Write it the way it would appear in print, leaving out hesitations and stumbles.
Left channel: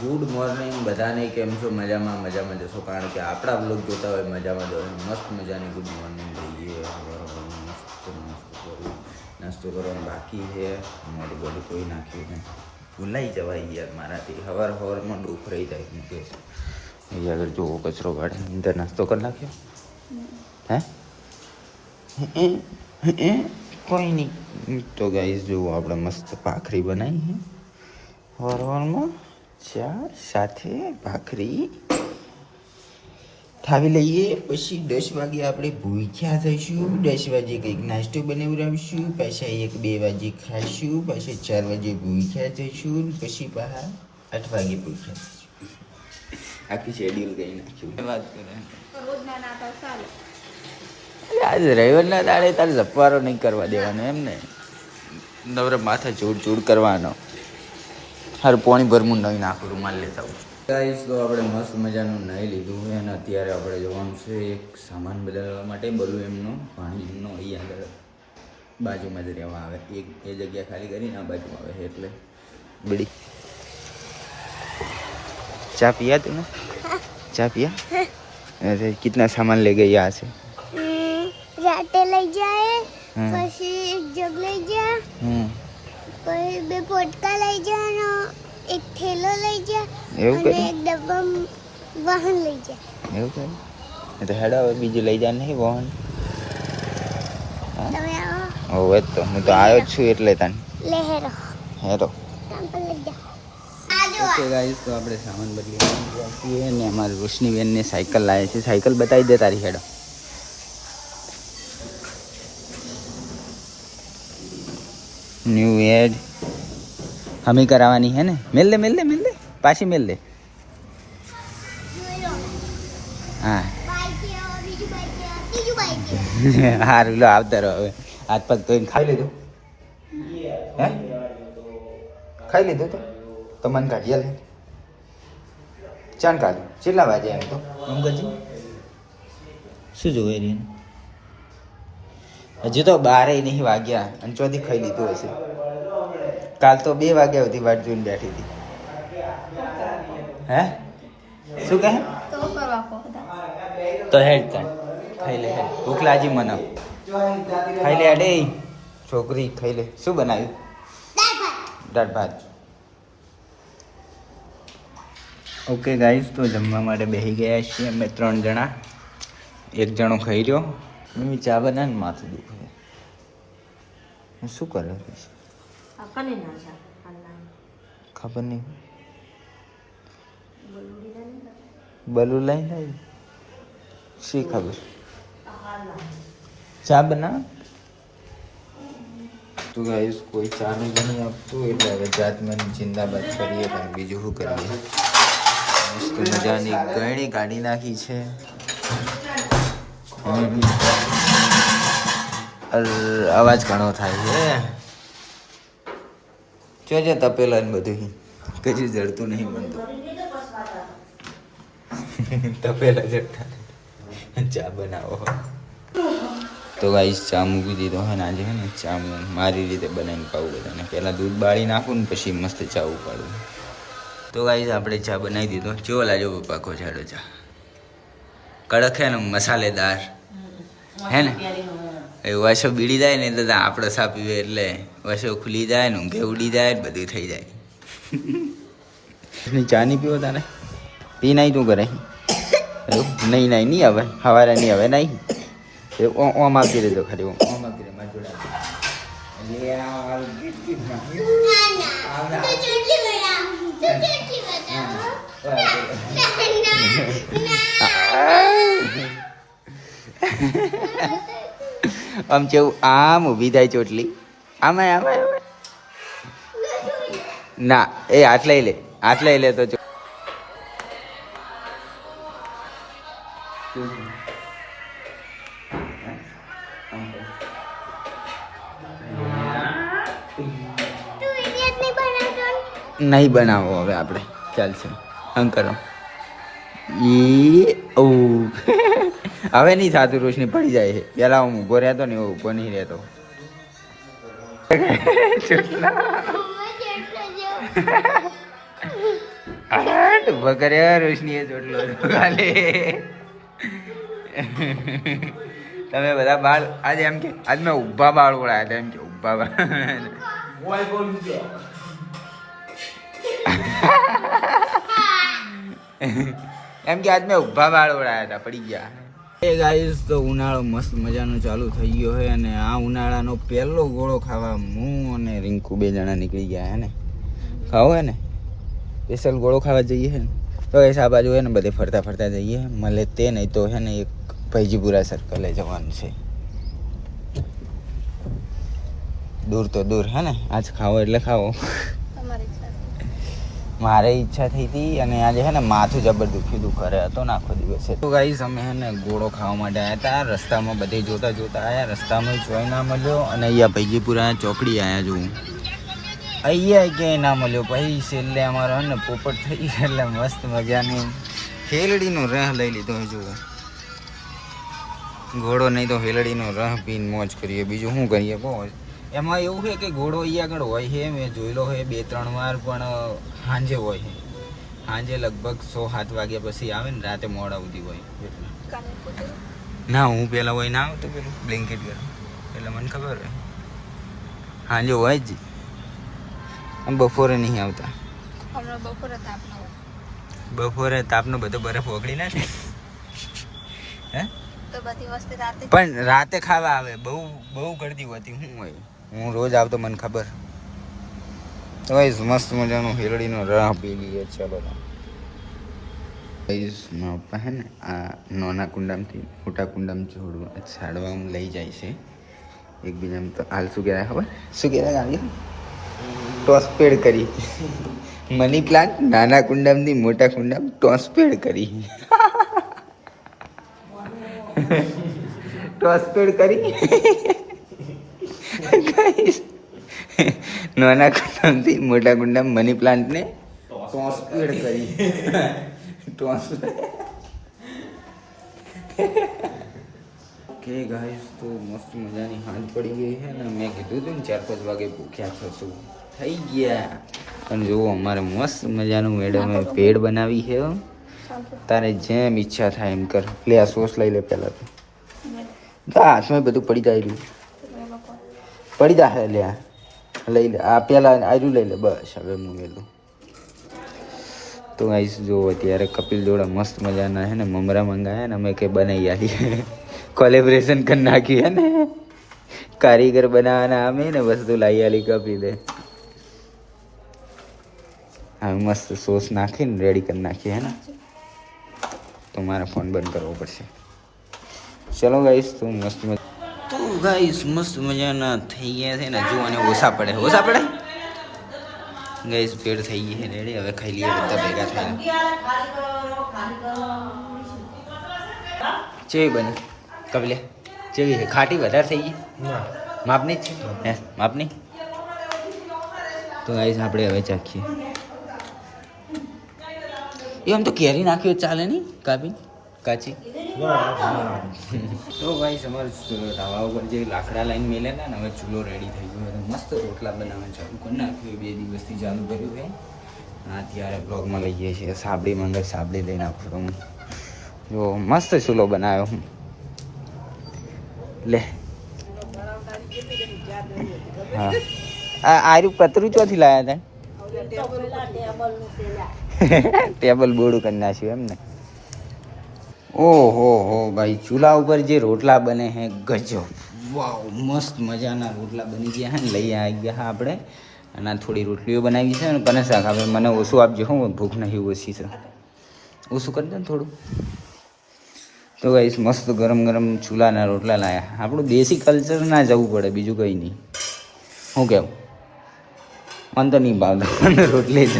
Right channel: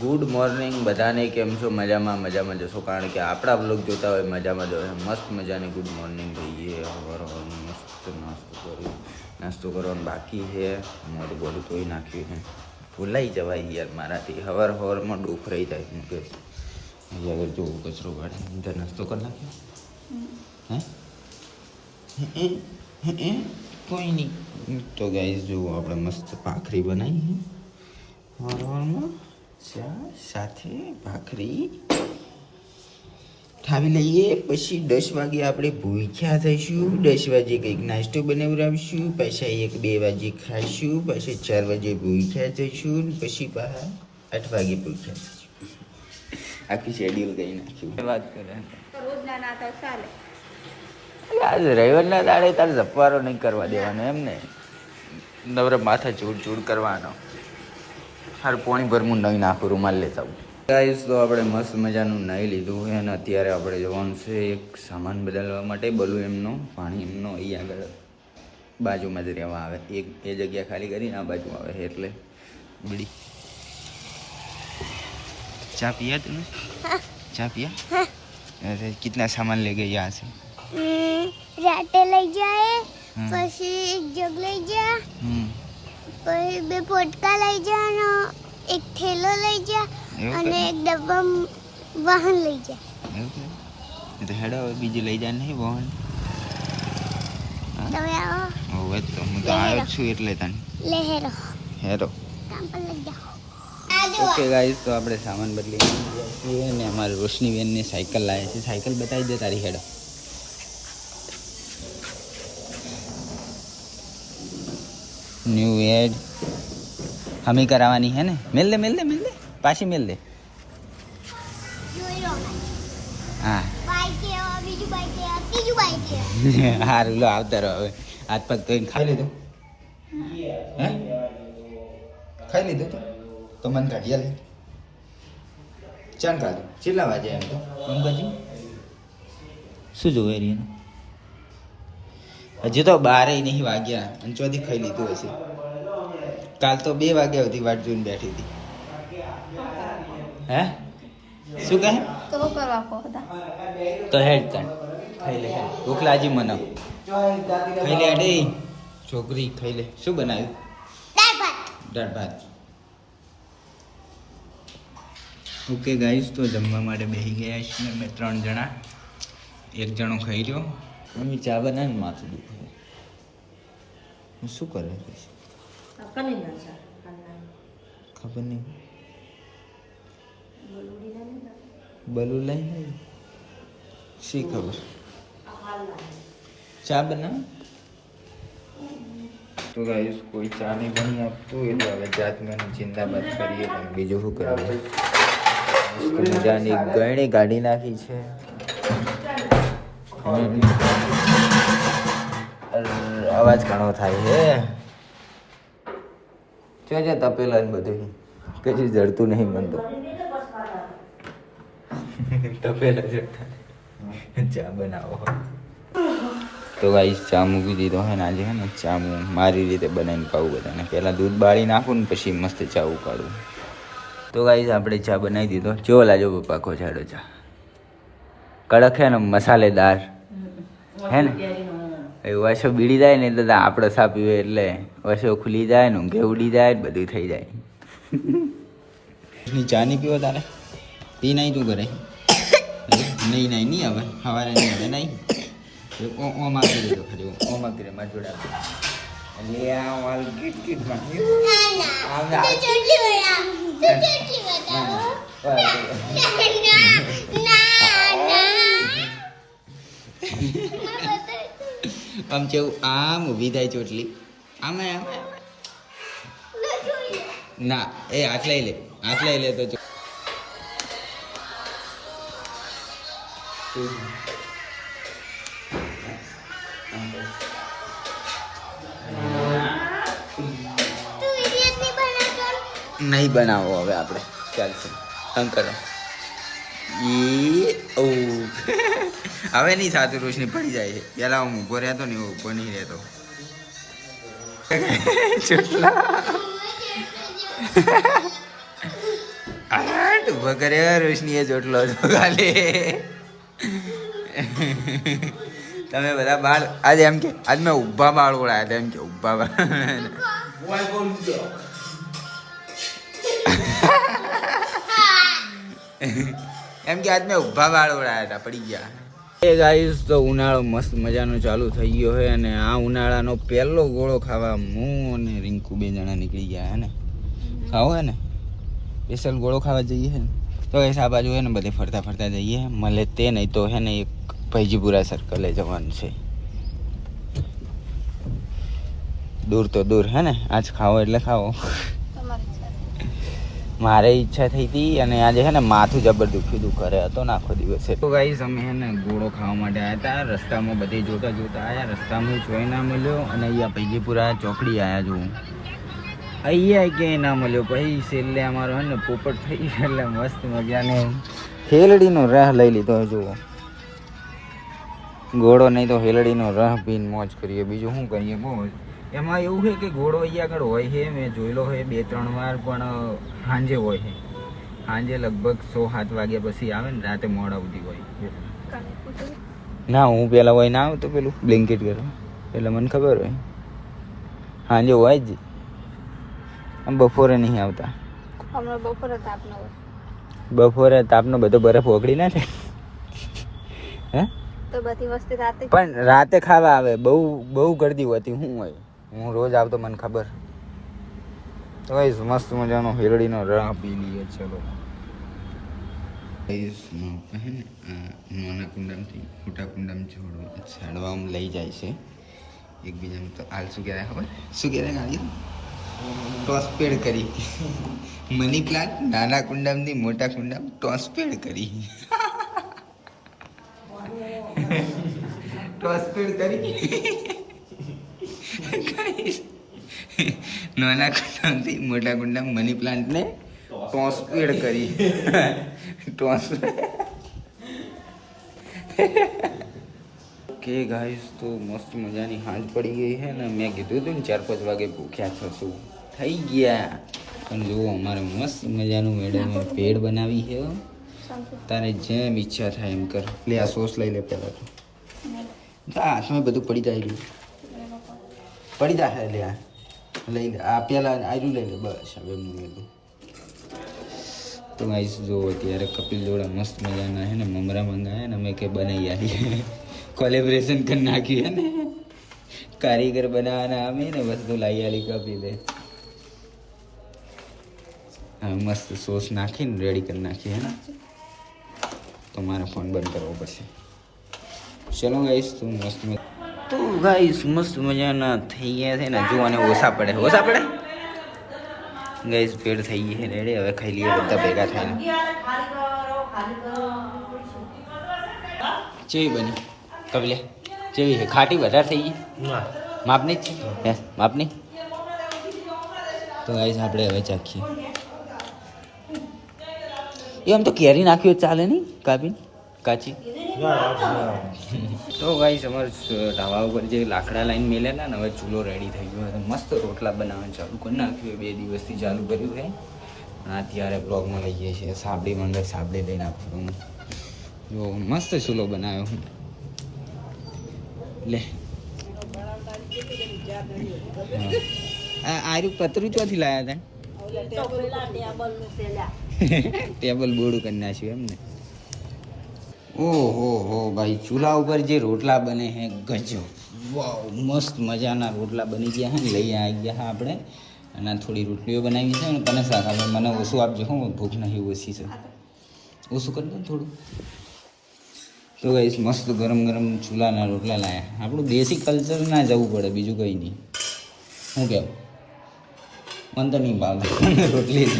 Good morning બધાને, કેમ છો? મજામાં મજામાં જશો, કારણ કે આપણા બ્લોગ જોતા હોય મજામાં જ હોય. મસ્ત મજાની ગુડ મોર્નિંગ થઈએ. સવારમાં મસ્ત નાસ્તો કરવાનો બાકી છે. મોટું બોલું ધોઈ નાખ્યું છે. ભૂલાઈ જવાય યાર મારાથી. સવારમાં ડૂફ રહી જાય મુકેશ. અહીંયા આગળ જોવો કચરો કાઢે અંદર નાસ્તો કરી નાખ્યો. હે કોઈ નહીં. તો ગાઈસ જુઓ આપણે મસ્ત ભાખરી બનાવી છે સવારમાં. ચા સાથે ભાખરી ખાવી લઈએ. પછી 10 વાગે આપણે ભૂખ્યા થઈશું. 10 વાગે કંઈક નાસ્તો બનાવડાવીશું. પાછા 1-2 વાગે ખાઈશું. પાછા 4 વાગે ભૂખ્યા થઈશું. પછી પાછા 8 વાગે ભૂખ્યા થઈશું. આખી શેડ્યુલ કરી નાખ્યું. વાત કરે આજે રવિવારના દાડે તારે જપવારો નહીં કરવા દેવાનો એમ ને. નવરે માથે ચૂડ કરવાનો. હારું પોણી ભરમું નહીં નાખું, રૂમાલ લેતા આવું. ગાઈસ તો આપણે મસ્ત મજાનું નહીં લીધું છે અને અત્યારે આપણે જવાનું છે એક સામાન બદલવા માટે. બલું એમનો પાણી એમનો અહીં આગળ બાજુમાં જ રહેવા આવે. એ જગ્યા ખાલી કરીને આ બાજુ આવે છે એટલે બીડી ચા પિયા તું ને? ચા પિયા? કિतना सामान ले गए यहाँ से? રાતે લઈ જાય, પછી એક જગ લઈ જા, પછી 2 પોટકા લઈ જા, એક થેલો લઈ જા અને એક ડબ્બા વાહન લઈ જા. એવું કરે તો હેડો હવે બીજું લઈ જાય નહીં વાહન. હવે તો હું તો આવ્યો જ છું એટલે તને લે હેરો હેરો. લઈ જા. ઓકે ગાઈસ તો આપણે સામાન બદલી ગયા છીએ ને અમારી રોશનીબેનને સાયકલ લાવી છે. સાયકલ બતાવી દે તારી. હેડો ન્યू एड हमें करावानी है ना. मिल ले पाछी मिल ले. हाँ બીજું બાઈક સારું લો આવતા રહો. હવે હાથ પગ તો ખાઈ લીધું? હે ખાઈ લીધું તો મને કાઢી લે. ચાન કાઢું. કેટલા વાગે એમ તો અંકજી શું જોવે રહી? હજી તો 12 નહીં વાગ્યા અને ચોથી ખાઈ લીધું હશે. કાલ તો 2 વાગ્યા સુધી વાટ જોઈને બેઠી હતી. હે શું કહે? તો હેડ તા ખાઈ લે. ભૂખ લાગી મને. ખાઈ લે અડે છોકરી ખાઈ લે. શું બનાવ્યું? દાળ ભાત. ઓકે ગાઈસ તો જમવા માટે બેસી ગયા છીએ અમે 3 જણા. એક જણો ખાઈ રહ્યો. હું ચા બનાવીને માથું દુખે. હું શું કરે ખબર નહીં. બલુ લઈને આવી શી ખબર. ચા બનાવ તો ગાઈસ કોઈ ચા નહીં બની આપતું એટલે હવે જાતમાં જિંદાબાદ કરીએ. બીજું શું કરીએ. મસ્ત મજાની ગયણી કાઢી નાખી છે. અવાજ ઘણો થાય છે. જો તપેલા ને બધું કશું જડતું નહીં મન તો. તપેલા જડતા ચા બનાવો તો ગાઈસ ચા મૂકી દીધો હે ને. આજે હે ને ચા હું મારી રીતે બનાવીને પાવું બધાને. પહેલાં દૂધ બાળી નાખું ને પછી મસ્ત ચા ઉકાળું. તો ગાઈસ આપણે ચા બનાવી દીધો. જો લાજો પપ્પા ખોચાડો ચા. કડક હે ને મસાલેદાર હે ને. એ વસો બીડી જાય ને એટલે આપણે ચા પીવે એટલે વસો ખુલી જાય ને ઊંઘે ઉડી જાય બધું થઈ જાય. ચા નહીં પીવો તારે? પી નહીં તું કરે? નહીં આવે. સવારે નહીં આવે નહીં. ઓમ આપી દેજો ખાલી. ઓમ આપી દે મારી જોડે. આમ જેવું આમ ઊભી થાય ચોટલી. આમાં ના એ હાથ લઈ લે તો નહીં બનાવો હવે આપણે. ચાલશે આમ કરો. હવે નહીં સાતું. રોશની પડી જાય. પેલા હું ઊભો રહેતો ને એવો ઊભો નહીં રહેતો. ઉભા કર્યા રોશનીએ ચોટલો છો કાલે. તમે બધા બાળ આજે એમ કે આજ મેં ઊભા બાળ ઓળાયા હતા એમ કે ઊભા બાળ એમ કે આજ મેં ઊભા બાળ ઓળાયા હતા પડી ગયા. એ ગાઈસ તો ઉનાળો મસ્ત મજાનો ચાલુ થઈ ગયો છે અને આ ઉનાળાનો પહેલો ગોળો ખાવા હું અને રિંકુ 2 જણા નીકળી ગયા હે ને. ખાવો હે ને સ્પેશિયલ ગોળો ખાવા જઈએ હે ને તો એ આ બાજુ હે ને બધે ફરતા ફરતા જઈએ મળે તે નહીં તો હે ને એક ભૈજીપુરા સર્કલે જવાનું છે. દૂર તો દૂર હે ને આજ ખાવો એટલે ખાવો. મારે ઈચ્છા થઈ હતી અને આજે હે ને માથું જબર દુખી ઘરે હતો ને આખો દિવસ. તો ગાઈસ અમે હે ને ગોળો ખાવા માટે આવ્યા હતા. રસ્તામાં બધે જોતા જોતા આવ્યા, રસ્તામાં જોઈ ના મળ્યો અને અહીંયા ભૈજીપુરા ચોકડી આવ્યા જોઉં અહીંયા ક્યાંય ના મળ્યો. પછી છેલ્લે અમારો હે ને પોપટ થઈ એટલે મસ્ત મજાને હેલડીનો રહ લઈ લીધો. જુઓ ઘોડો નહીં તો હેલડીનો રહ પીને મોજ કરીએ, બીજું શું કરીએ મોજ. એમાં એવું છે કે ઘોડો અહીંયા આગળ હોય છે, મેં જોયેલો હોય 2-3 વાર, પણ સાંજે હોય છે. સાંજે લગભગ 6-7 વાગ્યા પછી આવે ને રાતે મોડા સુધી હોય. ના હું પહેલાં હોય ના આવતો પેલું બ્લેન્કેટ પહેલાં પહેલાં મને ખબર હોય સાંજે હોય જ. આમ બપોરે નહીં આવતા. બપોરે તાપનો બધો બરફ ઓગળી નાખે હે પણ રાતે ખાવા આવે. બહુ ગળદી હોતી શું હોય. હું રોજ આવતો મને ખબર. તો મસ્ત મજાનો હેરડીનો રહ પી લઈએ. ચલો મારા પપ્પા હે ને આ નાના કુંડામાંથી મોટા કુંડામાં છાડવામાં લઈ જાય છે એકબીજાને. તો હાલ શું કહેવાય ખબર? શું કહેવાય ગાંધી? ટોસપેડ કરી. મની પ્લાન્ટ નાના કુંડામાંથી મોટા કુંડામાં ટોસપેડ કરી. ટોસપેડ કરી નાના કુંડામાંથી મોટા કુંડામાં મની પ્લાન્ટને ટોસપેડ કરી. કે ગાઈસ તો મસ્ત મજાની હાંજ પડી ગઈ છે ને. મેં કીધું હતું ને 4-5 વાગે ભૂખ્યા થશું, થઈ ગયા. અને જુઓ અમારે મસ્ત મજાનું મેડમે પેડ બનાવી છે. તારે જેમ ઈચ્છા થાય એમ કર. લે આ સોસ લઈ લે પહેલાં તો. હાથમાં બધું પડી જાય પડી જાય. લે લઈ લે આ પહેલાં આજુ લઈ લે બસ. હવે હું ગયેલું તો ગાઈસ જો અત્યારે કપિલ જોડે મસ્ત મજાના છે ને મમરા મંગાયા ને અમે કે બનાવી આવીએ. કોલેબરેશન કરી નાખ્યું હે ને. કારીગર બનાવવાના અમે ને વસ્તુ લાવી આલી કપિલે. હવે મસ્ત સોસ નાખીને રેડી કરી નાખીએ હે ને. તો મારે ફોન બંધ કરવો પડશે. ચલો ગાઈસ તો મસ્ત તો ગાઈસ મસ્ત મજાના થઈ ગયા છે ને. જોવાને ઓછા પડે ગાઈસ. પેડ થઈ ગઈ છે રેડી. હવે ખાઈ લઈએ બધા ભેગા થઈને. ચેવી બની કપિલે? ચેવી છે? ખાટી વધારે થઈ ગઈ? માપની જ છે માપની. તો ગાઈસ આપણે હવે ચાખીએ. એ આમ તો કેરી નાખ્યું ચાલે નહીં કાપીને કાચી. તો ગાઈસ અમારે ઢાબા ઉપર જે લાકડા લાઈન મેલેલા ને હવે ચૂલો રેડી થઈ ગયો. મસ્ત રોટલા બનાવવાનું ચાલુ કરી નાખ્યું. 2 દિવસથી ચાલુ કર્યું છે. અત્યારે બ્લોગમાં લઈએ છીએ. સાબડી મંગળ સાબડી લઈને આપું જો મસ્ત ચૂલો બનાવ્યો હું. લે હા આર્યું પતરું ચોથી લાવ્યા હતા? ટેબલ બોર્ડ કરી નાખ્યું એમ ને. ઓહો હો ભાઈ ચૂલા ઉપર જે રોટલા બને હે ગજબ. વાવ મસ્ત મજાના રોટલા બની ગયા હે ને. લઈ આવી ગયા આપણે અને થોડી રોટલીઓ બનાવી છે ને. કને શાક આપણે મને ઓછું આપજો. હું ભૂખ નહીં ઓછી છે. ઓછું કરી દે ને થોડું. તો ગાઈસ મસ્ત ગરમ ગરમ ચૂલાના રોટલા લાયા. આપણું દેશી કલ્ચર ના જવું પડે બીજું કંઈ નહીં. શું કહેવું? મને તો નહીં ભાવતા રોટલી જ